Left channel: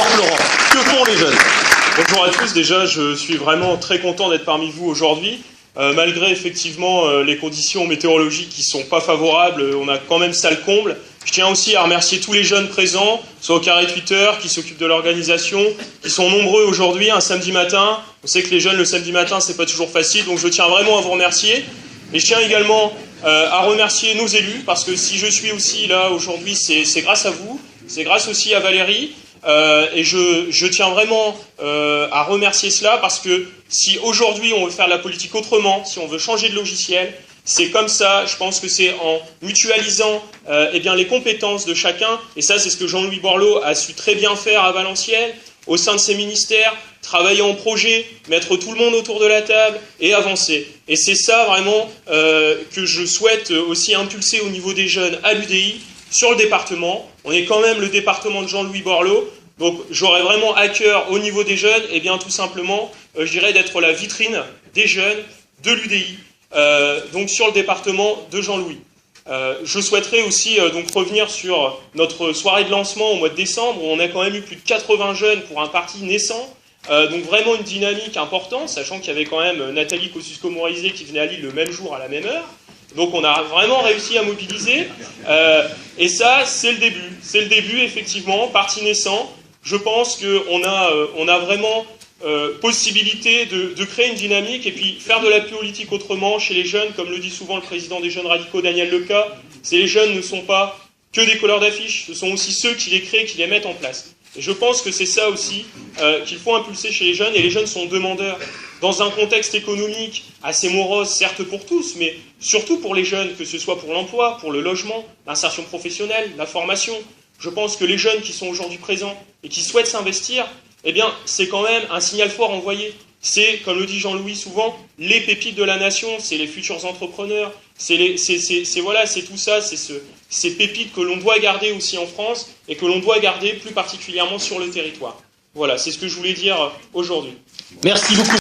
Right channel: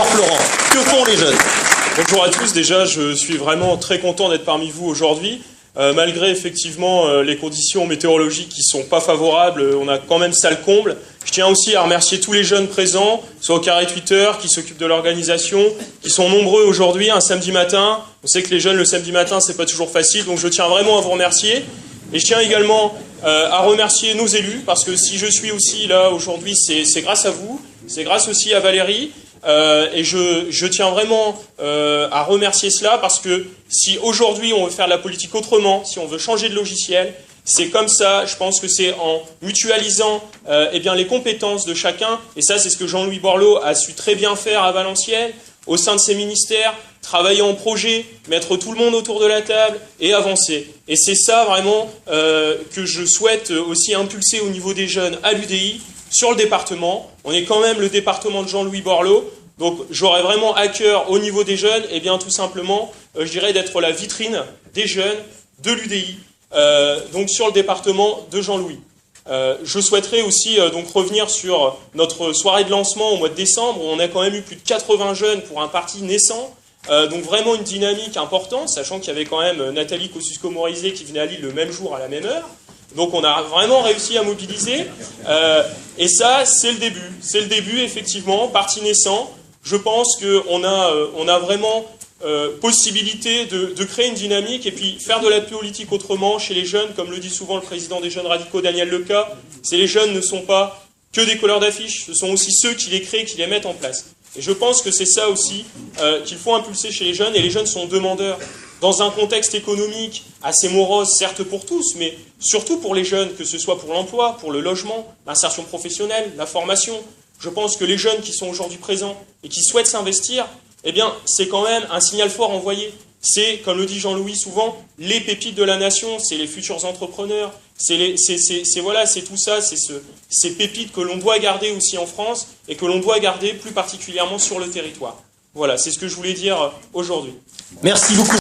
Laurent, que font les jeunes? Bonjour à tous, déjà je suis vraiment très content d'être parmi vous aujourd'hui. Malgré effectivement les conditions météorologiques qui ne sont pas favorables, on a quand même ça le comble. Je tiens aussi à remercier tous les jeunes présents, soit au carré Twitter, qui s'occupent de l'organisation, qui sont nombreux aujourd'hui, un samedi matin. On sait que les jeunes le samedi matin, c'est pas toujours facile, donc je tiens vraiment à vous remercier. Et je tiens également à remercier nos élus, parce que si je suis aussi là aujourd'hui, c'est grâce à vous, c'est grâce aussi à Valérie. Et je tiens vraiment à remercier cela, parce que si aujourd'hui on veut faire la politique autrement, si on veut changer de logiciel, c'est comme ça. Je pense que c'est en mutualisant les compétences de chacun, et ça c'est ce que Jean-Louis Borloo a su très bien faire à Valenciennes, au sein de ses ministères, travailler en projet, mettre tout le monde autour de la table et avancer. Et c'est ça vraiment que je souhaite aussi impulser au niveau des jeunes à l'UDI, sur le département. On est quand même le département de Jean-Louis Borloo, donc j'aurais vraiment à cœur au niveau des jeunes, et bien tout simplement, je dirais d'être la vitrine des jeunes de l'UDI, donc sur le département de Jean-Louis. Je souhaiterais aussi donc revenir sur notre soirée de lancement au mois de décembre, où on a quand même eu plus de 80 jeunes pour un parti naissant, donc vraiment une dynamique importante, sachant qu'il y avait quand même Nathalie Kosciusko-Morizet qui venait à Lille le même jour à la même heure. Donc on a vraiment réussi à mobiliser, et ça c'est le début. C'est le début effectivement, parti naissant. Je pense qu'on a vraiment possibilité de créer une dynamique et puis faire de la politique autrement chez les jeunes, comme le dit souvent le président des Jeunes Radicaux, Daniel Leca. Les jeunes ne sont pas que des colleurs d'affiches, ce sont aussi ceux qui les créent, qui les mettent en place. Et je pense que c'est ça aussi qu'il faut impulser chez les jeunes, et les jeunes sont demandeurs. Dans un contexte économique assez morose, certes pour tous, mais surtout pour les jeunes, que ce soit pour l'emploi, pour le logement, l'insertion professionnelle, la formation. Je pense que les jeunes qui sont aujourd'hui présents et qui souhaitent s'investir, eh bien, c'est quand même un signal fort envoyé. C'est, comme le dit Jean-Louis souvent, les pépites de la nation, c'est les futurs entrepreneurs, c'est tout ça, c'est ces pépites que l'on doit garder aussi en France et que l'on doit garder plus particulièrement sur le territoire. Voilà, c'est ce que je voulais dire aujourd'hui. Merci beaucoup.